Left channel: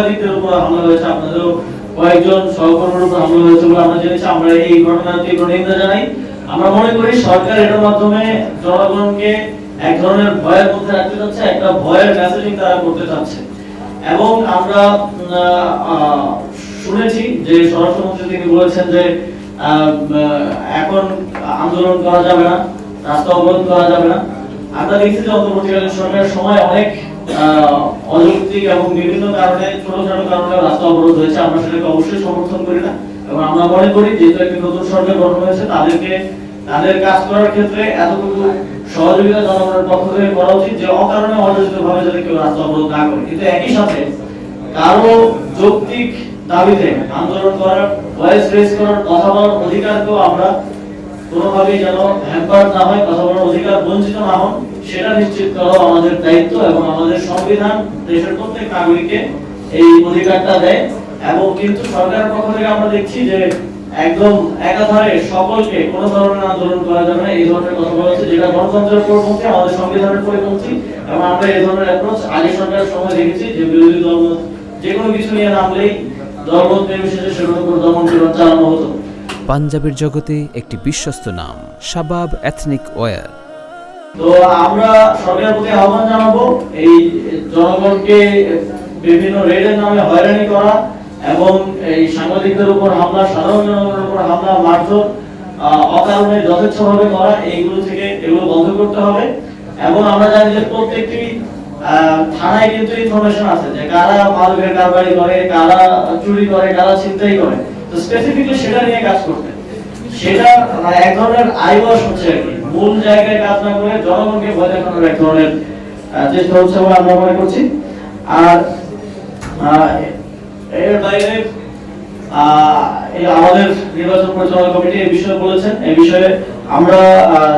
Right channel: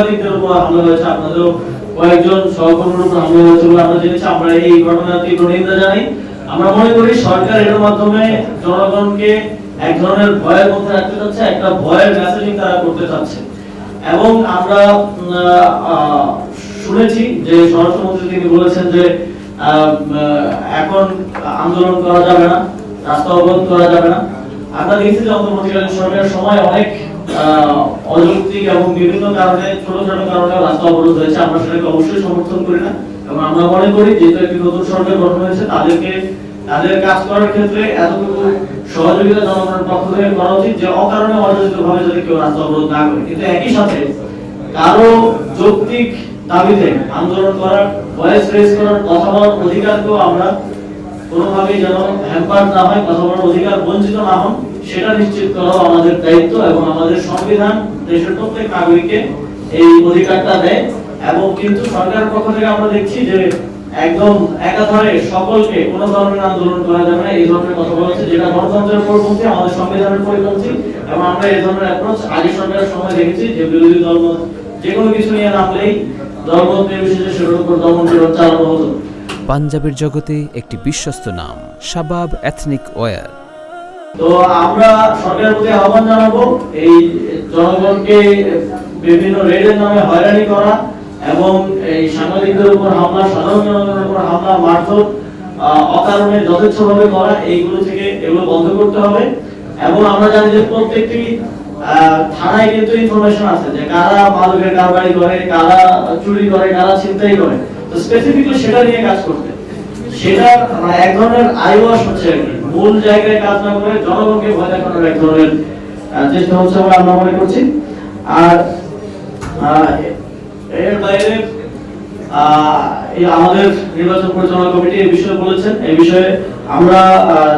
সাংবাদিকদের উপর হামলা হয়েছে, আপনাদেরও কয়েকজন সহকর্মীর উপর হামলা হয়েছে বলে আমরা জেনেছি। আমরা এই ঘটনার তীব্র নিন্দা জানাই। আমরা মনে করি সরকার এর মাধ্যমে জনগণকে এক ধরনের ভয়ের মধ্যে রাখতে চাচ্ছে, একটা ভয়ের মেসেজিং তারা করতে চাচ্ছে। এবং আমরা শুনেছি যে স্বরাষ্ট্রমন্ত্রী তিনি বলেছেন যে এখন আন্দোলন করা যাবে না, রাস্তা অবরোধ করা যাবে না। আমরা দেখছি যে অন্তর্বর্তীকালীন সরকারের সময় অনেক অযৌক্তিক এবং বিভিন্ন কারণে ছোটখাটো কারণে রাস্তা অবরোধ হয়েছে। আমরা সেটাকে অবশ্যই সমর্থন করি না এবং আমরা মনে করি যেহেতু একটি নতুন সরকার গঠন হয়েছে তাদেরকে তাদের কাজ করার ক্ষেত্রে এতটুকু সহযোগিতা জনগণের পক্ষ থেকে করা উচিত যে অকারণে অযাচিত ভাবে যাতে কেউ রাস্তা অবরোধ না করে। কিন্তু একই সাথে কারো যৌক্তিক দাবিতে আন্দোলন করার, ভয়েস রেজ করার, কথা বলার অধিকারকেও আমরা কোনোভাবেই যেন হ্যাম্পার না হয়, কথা বলার অধিকার বঞ্চিত না হন সেটা নিশ্চিত করা আমাদের দায়িত্ব। এবং আমাদের সংবিধান দেশের প্রত্যেক নাগরিককে এই অধিকারটা দেয়। এবং কিন্তু সরকারের পক্ষ থেকে আমরা দেখছি যে একদম একাধারে সকলকে কোনো ধরনের আন্দোলন করা যাবে না এই ধরনের কথা বলছে, যেটা গণতন্ত্রের পরিপন্থী, আমাদের সংবিধানের পরিপন্থী। এবং আমরা এই ধরনের অ্যাপ্রোচ আগে সরকারের সময় দেখেছি যে বিরোধী দল যে কোনো কিছু নিয়ে নামলেই দলমত নির্বিশেষে সেটার উপর দমন চালানো হতো। পাঞ্জাবের জগতে একটি বিশ্বস্ত নাম শাবাব এথনিক ওয়্যার। তো আমরা সরকারের প্রতি আহ্বান জানাবো এই জনগণকে বিভিন্ন রেডের নামে হয়রানি করা এবং এই সাংবাদিকদের উপর হামলা, সাধারণ জনগণের উপর হামলা, মারধর অকারণে যথেচ্ছভাবে করা, এইগুলো থেকে এগুলো বন্ধ করতে হবে। এবং আমরা জানি যে প্রত্যেকটি থানায় কিন্তু ইনফরমেশন আছে যে কারা মাদকের কারবারি করে, কারা চুরি করে, কারা ছিনতাই করে। তো স্পেসিফিকলি সেটা নিয়ে কাজ করতে, সেটা এক ধরনের আইওয়াশ হচ্ছে আর কি, মূল জায়গায় কাজ না করে জনগণকে ভয় দেখানোর এক ধরনের চেষ্টা হচ্ছে বলে আমরা মনে করছি। আর এর বাইরে আমাদের নির্বাচন পরিচালনা কমিটি এই বিষয়ে বলেছেন। এই বিষয়ে আমরা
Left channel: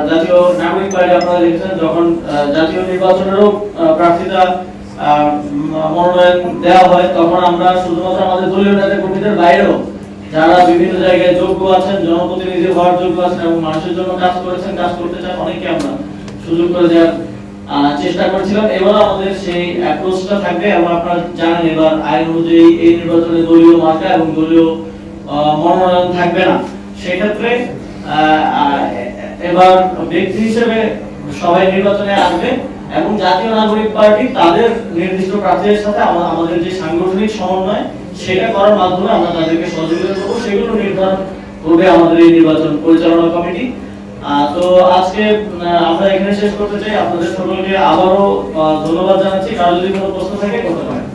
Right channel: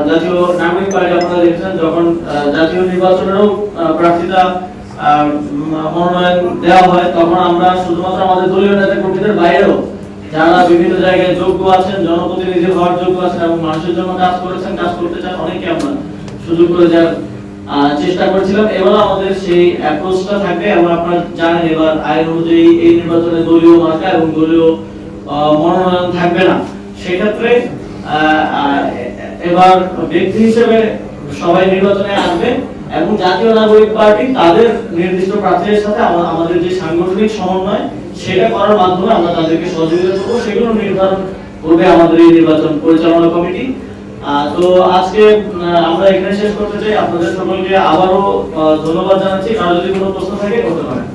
জাতীয় নাগরিক পার্টি, আপনারা দেখেছেন যখন জাতীয় নির্বাচনেরও প্রার্থীতা মনোনয়ন দেওয়া হয় তখন আমরা শুধুমাত্র আমাদের দলীয় নেতা কর্মীদের বাইরেও যারা বিভিন্ন জায়গায় যোগ্য আছেন, জনপ্রতিনিধি হওয়ার যোগ্য আছেন এবং মানুষের জন্য কাজ করেছেন, কাজ করতে চান, অনেকে আমরা সুযোগ করে দেওয়ার চেষ্টা করেছিলাম। এবার আমাদের সেই অ্যাপ্রোচটা থাকবে এবং আপনারা জানেন এবার আইন অনুযায়ী এই নির্বাচনে দলীয় মার্কা এবং দলীয় মনোনয়ন থাকবে না। সেক্ষেত্রে এবার ব্যক্তি হিসেবে সবাই নির্বাচনে আসবে এবং জাতীয় নাগরিক পার্টি তাদের নির্দিষ্ট প্রার্থীদের সাথে আমাদের যে সাংগঠনিক সমন্বয় সেটা করার মাধ্যমে আমরা তাদেরকে সহযোগিতা করবো, সেগুলো নির্ধারণ করবে আমাদের এই নির্বাচন পরিচালনা কমিটি। তো আজকে আমরা এখানে শেষ করতে চাই। আপনাদের সকলকে আবারও ধন্যবাদ জানাচ্ছি। কারো যদি কোনো প্রশ্ন থাকে করতে পারেন।